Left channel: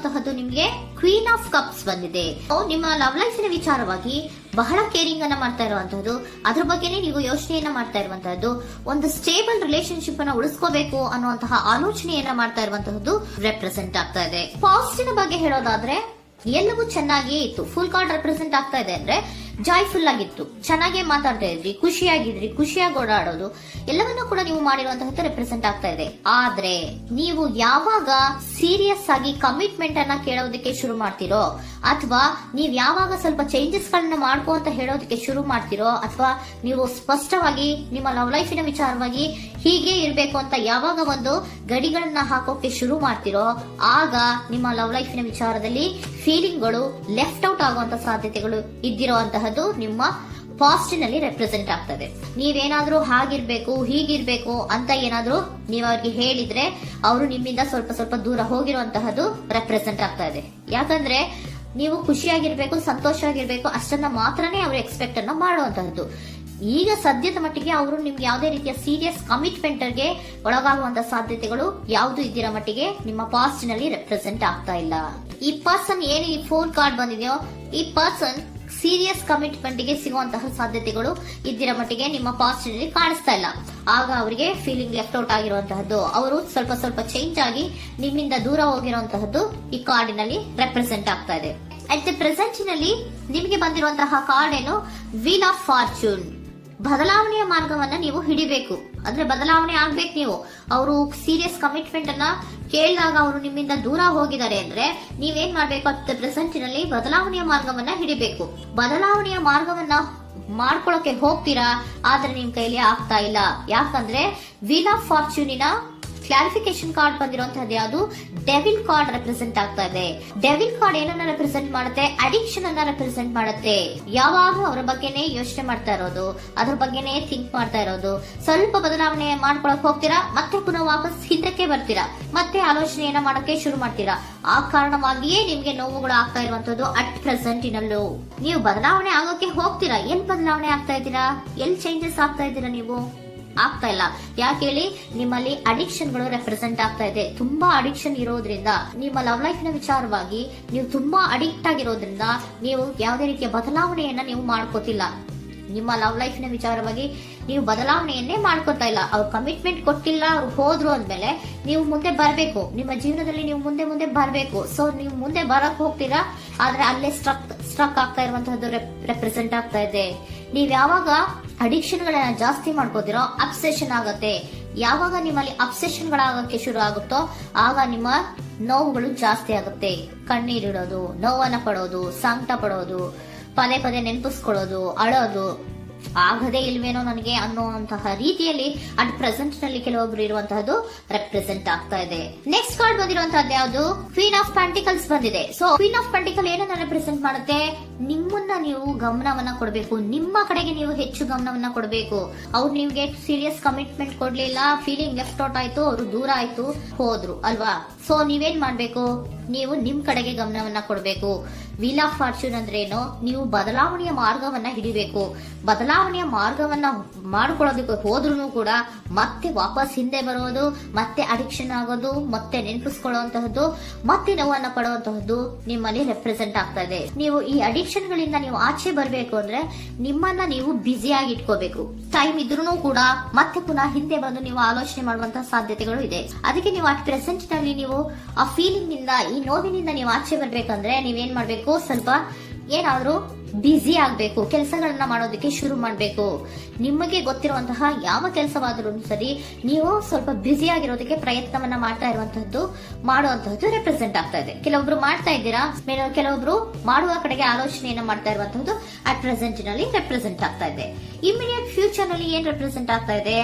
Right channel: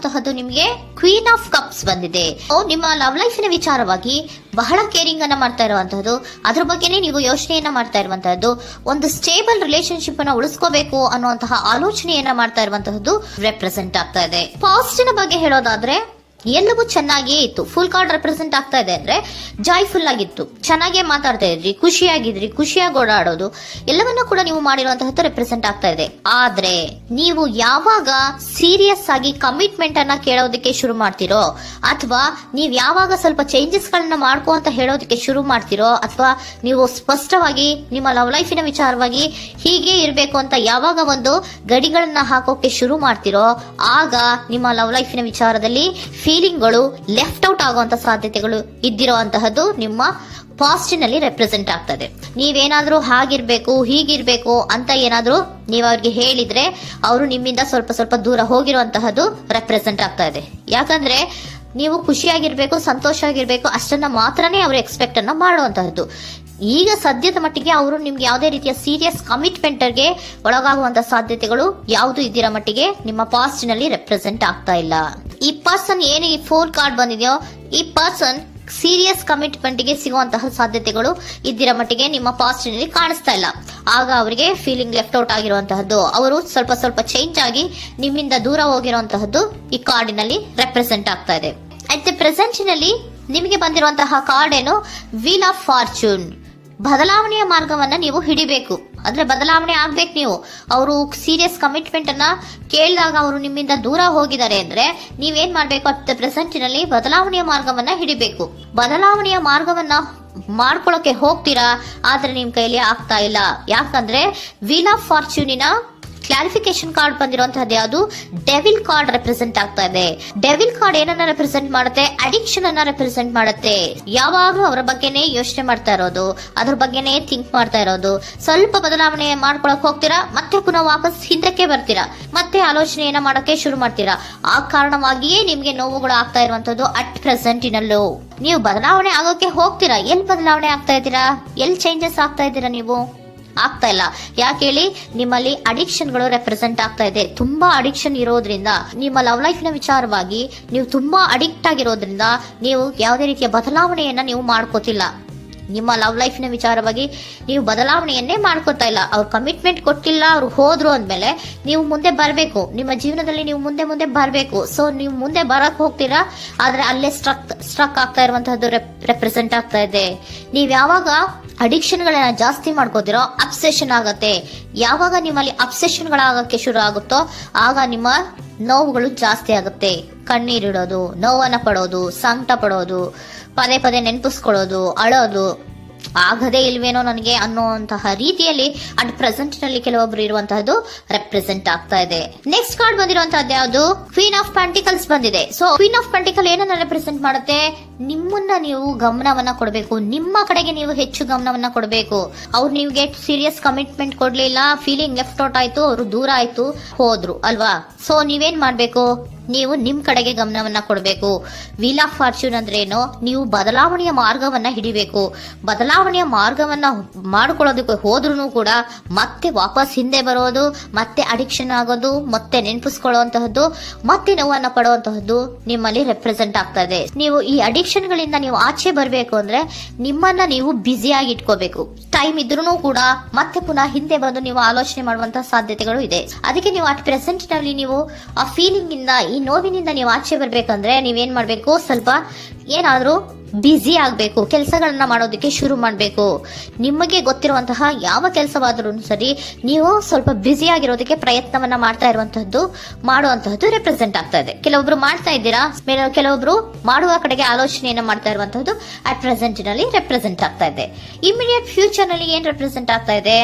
ಬಂದಿರುವಂತಹದ್ದು ನಿಮಗೆ queen of cups ಬಂದಿದೆ. ನಿಮ್ಮ ಲವ್ ಲೈಫಿನ ವಿಚಾರವಾಗಿ ಬಹಳ ಕೇರಿಂಗ್ ಅನ್ನ ಮಾಡ್ತಾ ಇರುವಂತಹದ್ದು, ಅದ್ರ ಬಗ್ಗೆನೇ ನೀವು ಯೋಚನೆಯನ್ನ ಮಾಡ್ತಾ ಇರುವಂತಹದ್ದು, ಒಂದು ಸ್ಟೇಬಲ್ ರಿಲೇಶನ್ಶಿಪ್ ಅನ್ನ ಉಳಿಸ್ಕೋಬೇಕು ಅನ್ನುವಂತಹ ಆಲೋಚನೆಯನ್ನ ಮಾಡ್ತಾ ಇರುವಂತಹದ್ದು ರೆಪ್ರೆಸೆಂಟ್ ಆಗ್ತಾ ಇದೆ. ಪಾಸಿಟಿವ್ ಬಗ್ಗೆ ಹೇಳೋದಾದ್ರೆ ಎಲ್ಲವೂ ಚೆನ್ನಾಗಿಯೇ ಇತ್ತು. ಫುಲ್ ಕಾರ್ಡ್ ರೆಪ್ರೆಸೆಂಟ್ ಆಗ್ತಾ ಇದೆ ಅಂದ್ರೆ ಜಾಯ್ಫುಲ್ ಆಗಿತ್ತು, ಚೆನ್ನಾಗೇ ಮಾತಾಡ್ತಾ ಇದ್ರಿ, ಖುಷಿಯಾಗಿದ್ರಿ, ಖುಷಿಯಾಗಿ ಓಡಾಡೋದು ಎಲ್ಲವನ್ನೂ ಕೂಡ ನೀವು ಮಾಡಿರುವಂತಹದ್ದು ರೆಪ್ರೆಸೆಂಟ್ ಆಗ್ತಾ ಇದೆ. ಆದ್ರೆ ನೀವು ಯಾವಾಗ ಸೀರಿಯಸ್ ಆಗಿ ಕಮಿಟ್ಮೆಂಟ್ ಅನ್ನ ಕೇಳೋದಕ್ಕೆ ಶುರು ಮಾಡ್ತಿರೋ, ಅಥವಾ ನೀವ್ ಯಾವಾಗ ಸ್ವಲ್ಪ ಚೇಂಜಸ್ ಗಳನ್ನ ಮಾಡ್ಕೋ ಅಂತ ಹೇಳೋದಕ್ಕೆ ಶುರು ಮಾಡ್ತಿರೋ, ಅಥವಾ ನೀವು ಸ್ಪಷ್ಟವಾಗಿ ನಿಮ್ಮ ಲವ್ ಲೈಫಿನ ವಿಚಾರವಾಗಿ ಹೀಗೆ ಇರಬೇಕು ಅಂತ ಯಾವಾಗ ಒಂದು ಗಡಿಗಳನ್ನ ಹಾಕೋಕೆ ಶುರು ಮಾಡ್ತಿರೋ, ಆಗ ನಿಮ್ಮ ಲವ್ ಲೈಫಿನ ವಿಚಾರದಲ್ಲಿ ಫೀಲಿಂಗ್ಗಳು ಲೆಫ್ಟ್ ಔಟ್ ಆಗುವಂತ ಸಾಧ್ಯತೆಗಳು ಇದ್ದಿರುವಂತಹದ್ದು ನಿಮ್ಮ ಪಾಸಿಟಿವ್ ನಲ್ಲಿ ರೆಪ್ರೆಸೆಂಟ್ ಆಗ್ತದೆ. ನೀವೇನಾದ್ರೂ ಹಾಗಿರ್ಬೇಕು ಹೀಗಿರ್ಬೇಕು ಅಂತ ಏನಾದ್ರೂ ನೀವು ಅವ್ರಿಗೆ ಹೇಳಿದ್ರೆ ಅವರು ನಿಮ್ಮಿಂದ ಸ್ವಲ್ಪ ಸ್ವಲ್ಪ ದೂರ ಹೋಗಿರುವಂತಹದ್ದು ರೆಪ್ರೆಸೆಂಟ್ ಆಗ್ತಾ ಇದೆ. ಯಾಕಂದ್ರೆ ನೀವು ಖುಷಿಯಾಗಿರ್ಬೇಕು, ಸಂತೋಷ ಆಗಿರ್ಬೇಕು, ಅಷ್ಟನ್ನ ಮಾತ್ರನೇ ಅವರು ಎಕ್ಸ್ಪೆಕ್ಟ್ ಅನ್ನ ಮಾಡುವಂತಹದ್ದು. ಈಗ ಸದ್ಯದ ಮಟ್ಟಿಗೆ ಅವರು ನಿಮ್ಗೆ ಯಾವುದೇ ರೀತಿಯ ಸೀರಿಯಸ್ ಕಮಿಟ್ಮೆಂಟ್ ಗೆ ಒಳಗಾಗುವಂತ ಸಾಧ್ಯತೆಗಳು ಯಾವುದು ಇದ್ದಿರೋ ಮಟ್ಟಿಗೆ ನಿಮ್ಮ ಪಾಸ್ಟ್ ನಲ್ಲಿ ರೆಪ್ರೆಸೆಂಟ್ ಆಗ್ತಾ ಇಲ್ಲ. ಈ ಪರ್ಸನ್ ಏನು ಈ 4 ಕಾರ್ಡ್ ಬಂದಿದೆಯೋ, ಈ ಪರ್ಸನ್ ಸೀರಿಯಸ್ ಕಮಿಟ್ಮೆಂಟ್ ಗೆ ಸಿಗುವಂತಹ ಸಾಧ್ಯತೆಗಳು ಇದ್ದಿರೋ ಮಟ್ಟಿಗೆ ನಿಮ್ಮ ಪಾಸ್ಟ್ ನಲ್ಲಿ ಕಾಣಿಸ್ತಾ ಇಲ್ಲ. ಆಗ ಅವರಿಗೆ ಫೀಲಿಂಗ್ ಲೆಫ್ಟ್ ಔಟ್ ಆಗಿರುವಂತಹದ್ದು, ಅವರು ಸ್ವಲ್ಪ ಸ್ವಲ್ಪ ಚೇಂಜ್ ಆಗಿ ನಿಮ್ಮಿಂದ ದೂರ ಹೋಗಿರುವಂತಹದ್ದು ಈ ಕಾರ್ಡಿನಲ್ಲಿ ರೆಪ್ರೆಸೆಂಟ್ ಆಗ್ತಾ ಇದೆ. ಅಟ್ ದ ಪ್ರೆಸೆಂಟ್ ನಲ್ಲಿ ನಿಮಗೆ ಬಂದಿರುವಂತಹ ಕಾರ್ಡ್ ಏನು, ವೀಲ್ ಆಫ್ ಫಾರ್ಚೂನ್. ಬದಲಾವಣೆಯ ಮಾರ್ಗವನ್ನ ನೀವು ಹಿಡಿಬೇಕು, ಅಂದ್ರೆ ಬದಲಾವಣೆ ಆಗ್ಬೇಕು. ನೀವು ಅವರು ಸೀರಿಯಸ್ ಕಮಿಟ್ಮೆಂಟ್ ಅನ್ನ ಕೇಳಿದಾಗ ಅವರು ನಿಮ್ಮಿಂದ ದೂರ ಹೋಗಿದ್ದಾರೆ ಅಂದ್ರೆ ನೀವೇನ್ ಮಾಡ್ಬೇಕು, ಅಟ್ ಪ್ರೆಸೆಂಟ್ ನಲ್ಲಿ ಬದಲಾವಣೆಯ ಮಾರ್ಗವನ್ನ ಹಿಡಿಬೇಕು. ಬದಲಾವಣೆಯ ಮಾರ್ಗವನ್ನ ಮಾಡ್ಕೊಳ್ಳೋಕೆ ಹೋಗ್ತೀರಾ, ಆದ್ರೆ ನಿಮ್ ಕೈಲಿ ಆಗ್ತಾ ಇಲ್ಲ. ಯಾಕಂದ್ರೆ ವೀಲ್ ಆಫ್ ಫಾರ್ಚೂನಿನ ಕ್ಲಾರಿಫಿಕೇಶನ್ ಕಾರ್ಡ್ ಬಂದಿರುವಂತಹದ್ದು ಯಾವುದು, ಡೆವಿಲ್ ಕಾರ್ಡ್ ರೆಪ್ರೆಸೆಂಟ್ ಆಗ್ತಾ ಇದೆ. ಡೆವಿಲ್ ಕಾರ್ಡ್ ಏನನ್ನ ರೆಪ್ರೆಸೆಂಟ್ ಮಾಡುತ್ತೆ, ಅಡಿಕ್ಷನ್ ಅನ್ನ ರೆಪ್ರೆಸೆಂಟ್ ಮಾಡುತ್ತೆ. ಯಾವಾಗ್ಲೂ ಅವರ ಬಗ್ಗೆನೇ ಯೋಚನೆ ಮಾಡ್ತಾ ಇರೋದು, ಅದ್ರ ಬಗ್ಗೆನೇ ಥಿಂಕ್ ಮಾಡ್ತಾ ಇರೋದು. ಸ್ವಲ್ಪ ಬದಲಾವಣೆ ಮಾಡ್ಕೊಳಕ್ ಹೋಗ್ತೀರಾ, ಮತ್ತೆ ಪುನಃ ವಾಪಸ್ ಹಿಂದಕ್ಕೆ ಬರ್ತೀರಾ, ಮತ್ತೆ ಆಲೋಚನೆಯನ್ನ ಮಾಡಕ್ಕೆ ಶುರು ಮಾಡ್ತೀರಾ. ಆ ಕಾರಣವಾಗಿಯೇ ನಿಮ್ಗೆ ನೋವುಗಳು ಆಗ್ತಾ ಇರುವಂತದ್ದು ಅಟ್ ಪ್ರೆಸೆಂಟ್ ನಲ್ಲೂ. ನೀವು ಬದಲಾವಣೆ ಆಗೋಕೆ ಹೋಗ್ತೀರಾ, ಎಲ್ಲಿ ಬದಲಾವಣೆ ಆಗ್ತಾ ಇದ್ದೀರಾ, ಎಲ್ಲಿ ಚೇಂಜಸ್ ಆಗ್ತಾ ಇದ್ದೀರಾ, ನೀವು ಆಗ್ತಾ ಇಲ್ಲ. ಯಾಕೆ ಹೇಳಿ, ನಿಮ್ಮಲ್ಲಿ ಅಡಿಕ್ಷನ್ ಗಳು ರೆಪ್ರೆಸೆಂಟ್ ಆಗ್ತಾ ಇದೆ. ತುಂಬಾ ಅಡಿಕ್ಷನ್ ಇರೋದ್ರಿಂದ, ನಿಮ್ಮ ಲವ್ ಲೈಫ್ ನ ವಿಚಾರವಾಗಿ ನೀವು ತುಂಬಾ ಅಡಿಕ್ಟ್ ಆಗಿರೋದ್ರಿಂದ ನೀವು ಯಾವುದೇ ರೀತಿಯ ಬದಲಾವಣೆಯನ್ನ ನೀವು ಮಾಡ್ಕೋತಿಲ್ಲ. ನಿಮ್ಮ ಲವ್ ಲೈಫ್ ನ ವಿಚಾರವಾಗಿ ನೀವು ಬದಲಾವಣೆಯನ್ನೇ ಮಾಡ್ಕೋತಾ ಇಲ್ಲ. ಅವ್ರು ಕಮಿಟ್ಮೆಂಟ್ ಕೊಟ್ಟಿಲ್ಲ, ಅವ್ರು ಹೋದ್ರು ಅಂದ್ಮೇಲೆ ನೀವು ಮುಂದೆ ಬರ್ಬೇಕು, ನಿಮ್ಮ ಜೀವನದಲ್ಲಿ ನೀವು ಮುಂದೆ ಮುಂದೆ ಬರ್ಬೇಕು. ಸೊ ನೀವು ಮುಂದೆ ಬರಕ್ ಹೋಗ್ತೀರಾ, ಆದ್ರೆ ಅಲ್ಲೇ ಸ್ಟ್ರಕ್ ಆಗ್ತಾ ಇರುವಂತಹದ್ದು ರೆಪ್ರೆಸೆಂಟ್ ಆಗ್ತಾ ಇದೆ. ನೀವ್ ಯಾವಾಗ ಅಡಿಕ್ಷನ್ ಗಳನ್ನ ಜಾಸ್ತಿ ಮಾಡ್ಕೋತಿರೋ, ಅಬ್ಸೆಷನ್ ಆಗತ್ತೆ. ಯಾವಾಗ ನಿಮ್ಮಲ್ಲಿ ಅಬ್ಸೆಷನ್ ಗಳಾಗಕ್ಕೆ ಶುರು ಆಗುತ್ತೋ, ಆಗ ನಿಮ್ಮ ನೋವುಗಳು ಜಾಸ್ತಿ ಆಗುತ್ತೆ. ಕಣ್ಣೀರಿಡೋದು, ನೋವನ್ನ ಪಡೋದು, ಸಂಕಟ ಪಡೋದು, ಪದೇ ಪದೇ ನೆನಪಿಸ್ಕೊಳ್ಳೋದು, ಅಳೋದು, ಆಗದೇ ಇಲ್ವೇನೋ ನನಗೆ ಅನ್ನುವಂತಹ ರೀತಿಯಲ್ಲಿ ಅಟ್ ಪ್ರೆಸೆಂಟ್ ನಲ್ಲಿ ಕೆಲವೊಬ್ರು ಇರುವಂತಹದ್ದು ರೆಪ್ರೆಸೆಂಟ್ ಆಗ್ತಾ ಇದೆ. ನೆಕ್ಸ್ಟ್ ಕಾರ್ಡ್ ಬಂದಿರುವಂತಹದ್ದು ಯಾವುದು, ಕ್ವೀನ್ ಆಫ್ ಪೆಂಟಿಕಲ್ಸ್ ಬಂದಿದೆ. ಸೊ ಕ್ವೀನ್ ಆಫ್ ಪೆಂಟಿಕಲ್ ಏನನ್ನ ರೆಪ್ರೆಸೆಂಟ್ ಮಾಡುತ್ತೆ, ನಿಮ್ಮನ್ನ ನೀವು ಗಮನವನ್ನ ಕೊಡಬೇಕು, ನಿಮ್ಮ ಕಡೆಗೆ ನೀವು ಹೆಚ್ಚು ಗಮನವನ್ನ ಕೊಡಬೇಕು. ಅವ್ರು ನಿಮ್ಗೆ ಸೀರಿಯಸ್ ಕಮಿಟ್ಮೆಂಟ್ ಕೊಡ್ಲಿಲ್ಲ, ಫೀಲಿಂಗ್ ಲೆಫ್ಟ್ ಔಟ್ ಆಯ್ತು, ಅವರು ದೂರ ಆಯ್ತು, ಹೋದ್ರು ಅಲ್ವಾ. ಸೊ ನೀವೇನ್ ಮಾಡ್ಬೇಕು, ನೀವು ನಿಮ್ ಕಡೆಗೆ ಗಮನವನ್ನ ಕೊಡಬೇಕು. ವೀಲ್ ಆಫ್ ಫಾರ್ಚೂನ್ ಅಂದ್ರೆ ಏನು, ನೀವು ಬದಲಾವಣೆಯ ಮಾರ್ಗವನ್ನ ಹಿಡಿಬೇಕು. ಬದಲಾವಣೆಯ ಮಾರ್ಗವನ್ನ ಮಾಡ್ಕೊಳ್ಳೋದಕ್ಕೆ ಹೋದ್ರೂ ಕೂಡ ಮತ್ತೆ ವಾಪಸ್ ಹಿಂದೆ ಬರೋದು, ಮತ್ತೆ ಅಡಿಕ್ಷನ್ ಆಗೋದು, ಮತ್ತೆ ನೆನಪಿಸ್ಕೊಳ್ಳುವಂತಹದ್ದು, ಮತ್ತೆ ನೋವನ್ನ ಪಡುವಂತಹದ್ದು ನಿಮ್ಮಲ್ಲಿ ರೆಪ್ರೆಸೆಂಟ್ ಆಗ್ತಾ ಇದೆ. ನೀವು ಈ ಅಡಿಕ್ಷನ್ ಗಳಿಂದ ನೀವು ಆಚೆ ಬರಬೇಕು ಅಂದ್ರೆ ನಿಮ್ಮನ್ನ ನೀವು ಬ್ಯುಸಿಯಾಗಿ ಇಟ್ಕೋಬೇಕು. ಟೈಮ್ ಇದ್ರೂ ಕೂಡ ಮತ್ತೆ ಪುನಃ ಹಿಂದೆ ಬಂದು ನೀವು ಆಲೋಚನೆ ಮಾಡುವಂತಹ ಸಾಧ್ಯತೆಗಳು ಇದೆ. ಅದಕ್ಕೆ ನೀವು ಅಟ್ ಪ್ರೆಸೆಂಟ್ ನಲ್ಲಿ ನೀವು ಆ ಫೀಲಿಂಗ್ ಇಂದ, ಈ ನೋವಿನಿಂದ ನೀವು ಆಚೆ ಬರ್ಬೇಕಂದ್ರೆ ನೀವೇನ್ ಮಾಡ್ಬೇಕು, ಸ್ವಲ್ಪ ಏನಾದ್ರೂ ಬ್ಯುಸಿ ಆಗ್ಬೇಕು, ಕೆಲಸಗಳನ್ನ ಮಾಡೋದಕ್ಕೆ ಶುರು ಮಾಡ್ಬೇಕು. ನಿಮಗೆ ಗೊತ್ತಿರುವಂತಹ ಯಾವ ಕೆಲಸವಾದ್ರೂ ಸರಿ, ನೀವು ಸ್ವಲ್ಪ ಬ್ಯುಸಿ ಆಗಿರೋದಕ್ಕೆ ಪ್ರಯತ್ನವನ್ನ ಮಾಡ್ತಾ ಇರುವಂತಹದ್ದು, ಮಾಡುವಂತಹದ್ದು ರೆಪ್ರೆಸೆಂಟ್ ಆಗ್ತಾ ಇದೆ. ಕೆಲವೊಬ್ರು ಮಾಡ್ತಾ ಇದ್ದೀರಾ, ಕೆಲವೊಬ್ರು ಮಾಡುವ ಕಡೆಗೆ ಆಲೋಚನೆಯನ್ನ ಮಾಡ್ತಾ ಇರುವಂತಹದ್ದು ಅಟ್ ಪ್ರೆಸೆಂಟ್ ನಲ್ಲಿ ರೆಪ್ರೆಸೆಂಟ್ ಆಗ್ತಾ ಇದೆ. ಇಮಿಡಿಯೇಟ್ ಫ್ಯೂಚರ್ ನಲ್ಲಿ ಏನ್ ರೆಪ್ರೆಸೆಂಟ್ ಆಗ್ತಾ ಇದೆ,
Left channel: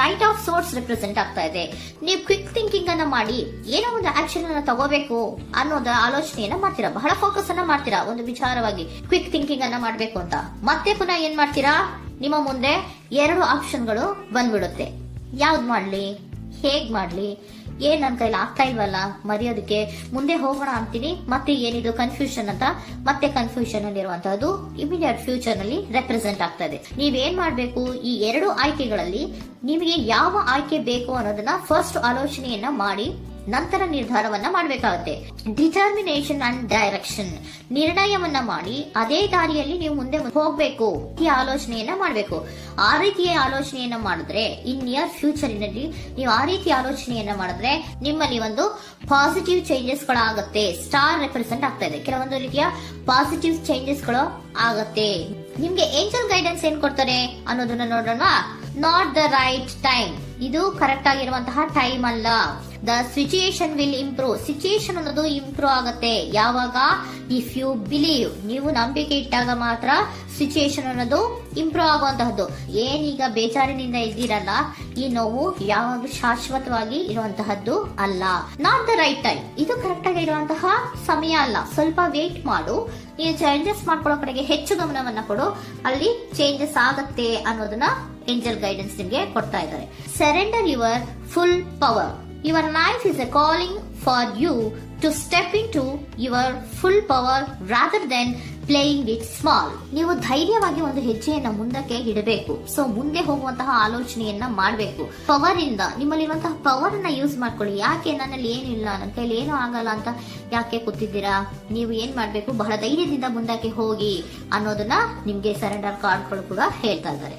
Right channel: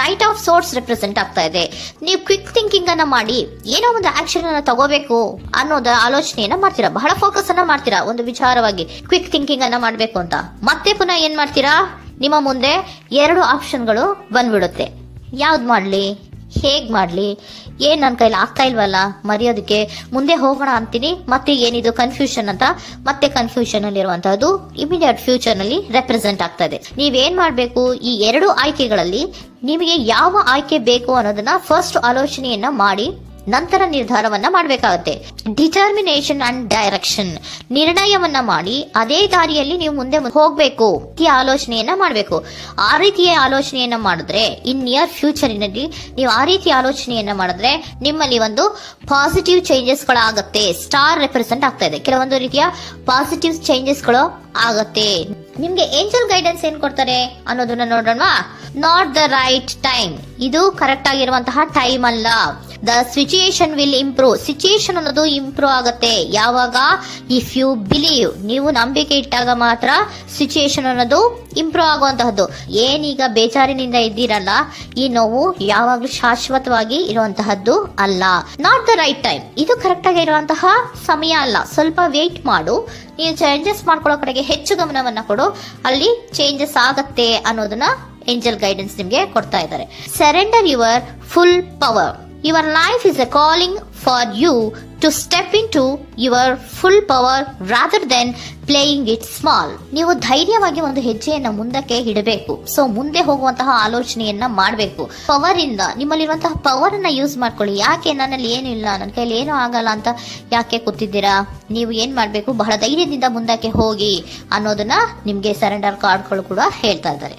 ನೈಟ್ ಆಫ್ ಸೋರ್ಟ್ಸ್ ರೆಪ್ರೆಸೆಂಟ್ ಆಗ್ತಾ ಇದೆ. ನೀವು ಕ್ವಿಕ್ ಥಿಂಕಿಂಗ್ ಅನ್ನ ಮಾಡಿ ಏನೋ ಒಂದು ಆಕ್ಷನ್ ಅನ್ನ ತಗೋಬೇಕು ಅನ್ನೋದ ಆಲೋಚನೆಯನ್ನ ಮಾಡ್ತೀರಾ, ಬಹಳ ಫೋಕಸ್ ಅನ್ನ ಮಾಡ್ತೀರಾ ಒಂದು ವಿಚಾರವಾಗಿ, ಕ್ವಿಕ್ ಥಿಂಕಿಂಗ್ ಅನ್ನ ಮಾಡ್ಬೇಕು ಅಂತ. ಮತ್ತೆ ಪುನಃ ಏನ್ ಮಾಡ್ತೀರಾ, ನಿಮ್ಮ ಮುಂದೆ 2 ಆಪ್ಷನ್ಗಳು ಬಂದ್ಬಿಡುತ್ತೆ. ಯಾವ್ದು ಮಾಡ್ಲಿ, ಹೇಗ್ ಮಾಡ್ಲಿ, ಏನ್ ನನ್ನ ಕೈಲಿ ಆಗ್ತಾ ಇಲ್ವಲ್ಲ ಮರೆಯೋದಕ್ಕೆ, ಮುಂದೆ ಹೋಗೋಣ ಅಂತೀನಿ, ಮತ್ತೆ ಏನಿದು ಕನ್ಫ್ಯೂಷನ್ ಅಂತ, ಮತ್ತೆ ಕನ್ಫ್ಯೂಷನ್ ಅಲ್ಲಿ ಇರುವಂತಹದ್ದು ಇಮಿಡಿಯೇಟ್ ಫ್ಯೂಚರ್ ನಲ್ಲಿ ರೆಪ್ರೆಸೆಂಟ್ ಆಗ್ತಾ ಇದೆ. ನೀವೇನ್ ಮಾಡ್ಬೇಕು, ಈ 2 ಆಯ್ಕೆಗಳಲ್ಲಿ ನಿಮಗೆ ಯಾವ ಆಯ್ಕೆ ಬೇಕು ಅನ್ನೋದನ್ನ ಫಸ್ಟ್ ಆಲೋಚನೆಯನ್ನ ಮಾಡಿ ನಂತರ ನಿರ್ಧಾರವನ್ನ ಮಾಡಬೇಕಾಗುತ್ತೆ. ಡಿಟರ್ಮಿನೇಷನ್ ಅಂಡ್ ಡೈರೆಕ್ಷನ್, ನಿರ್ಣಯವನ್ನ ಮಾಡಿ ಅದೇ ದಾರಿಯಲ್ಲಿ ನೀವು ಮುಂದೆ ಹೋಗ್ಬೇಕು ಈ ಆಲೋಚನೆಯನ್ನ ಮಾಡಬೇಕು. ಆ ರೀತಿಯ ಆಲೋಚನೆಯನ್ನ ಮಾಡಿದ್ರೆ ಇನ್ ನಿಯರ್ ಫ್ಯೂಚರಿನಲ್ಲಿ ನೀವು ಆ ರೀತಿ ಆಲೋಚನೆಯನ್ನ ಮಾಡಿದ್ರೆ ನಿಮ್ಮಲ್ಲಿ ಒಂದು ಪಾಸಿಟಿವ್ ಚೇಂಜಸ್ ಗಳಾಗತ್ತೆ. ಸ್ಟಾರ್ ರೆಪ್ರೆಸೆಂಟ್ ಆಗ್ತಾ ಇದೆ, ಕೆಲವೊಂದು ರೀತಿಯ ಪಾಸಿಟಿವ್ ಚೇಂಜಸ್ ಗಳು ಆಗತ್ತೆ. ನಿಮ್ಗೆ ಏಂಜಲ್ ಗೈಡೆನ್ಸ್ ಏನ್ ಕೊಡ್ತಾರೆ ಅನ್ನೋದನ್ನ ನೋಡೋಣ. ನಾಟ್ ದ ರೈಟ್ ಟೈಮ್, ಇದು ಕರೆಕ್ಟ್ ಆಗಿರುವಂತಹ ಟೈಮ್ ಅಲ್ಲ. The situation will improve, situation ಅನ್ನೋದು ಇಂಪ್ರೂವ್ ಆಗುತ್ತೆ ಯಾವಾಗ, ಇಫ್ ಯು ಬಿಲೀವ್, ನೀವು ನಂಬಿಕೆ ಇಟ್ಟಾಗ ಮಾತ್ರ ಸಿಚುಯೇಷನ್ ಅನ್ನೋದು ಇಂಪ್ರೂವ್ ಆಗುವಂತಹದ್ದು. ಏನೀಗ ಬೇಜಾರಿನಿಂದ ಇದ್ದೀರಲ್ಲ, ಈ ನೋವು ಯಾವಾಗ್ಲೂ ಶಾಶ್ವತವಾಗಿ ಇರುವಂತಹದ್ದು ಅಲ್ಲ. ನಾಟ್ ದ ರೈಟ್ ಟೈಮ್, ಇದು ಕರೆಕ್ಟ್ ಆಗಿರುವಂತಹ ಸಮಯ ಅಲ್ಲ, ಸ್ವಲ್ಪ ವೇಟ್ ಮಾಡು, ನೀವು ಚೇಂಜಸ್ ಮಾಡ್ಕೊಳ್ಳೋ ಕಡೆಗೆ ಹೆಚ್ಚು ಗಮನವನ್ನ ಕೊಡು, ಅಲ್ಲಿ ಚೇಂಜಸ್ ಆಗತ್ತೆ ಅನ್ನೋದನ್ನ ಏಂಜಲ್ ಗೈಡೆನ್ಸ್ ನಿಮ್ಗೆ ಕೊಡ್ತಾ ಇದ್ದಾರೆ. Surrender your full power. Your life is a calling for you to step in to your full power rather then playing it small. ನೀವು ಧೈರ್ಯವಾಗಿ ಒಂದು ಹೆಜ್ಜೆಯನ್ನ ಮುಂದಕ್ಕೆ ಇಡಬೇಕು. ಸೊ ಮುಂದೆ ಹೋಗುವಂತಹ ಆಲೋಚನೆಯನ್ನ ಮಾಡಬೇಕು. ಪವರ್ ಇಂದ, ನಿಮ್ಮಲ್ಲಿರುವಂತಹ ಪವರ್ ಅನ್ನ ಯೂಸ್ ಮಾಡ್ಕೊಳ್ಳಿ. ಯಾಕೆ ನನ್ನಲ್ಲಿ ಏನಿಲ್ಲ, ನನ್ನ ಕೈಲಿ ಏನೂ ಆಗಲ್ಲ ಅಂತ ಯಾಕೆ ಕೂತಿದ್ದೀರಾ? ನೀವು ಏನ್ ಮಾಡ್ಬೇಕು, ಬಹಳ ಧೈರ್ಯದಿಂದ ಮುಂದಕ್ಕೆ ಹೋಗಿ ಅನ್ನೋದನ್ನ ನಿಮ್ಗೆ ಸರೆಂಡರ್ ಕಾರ್ಡ್ಗಳು ಕೂಡ ಹೇಳ್ತಾ ಇದ್ದಾರೆ.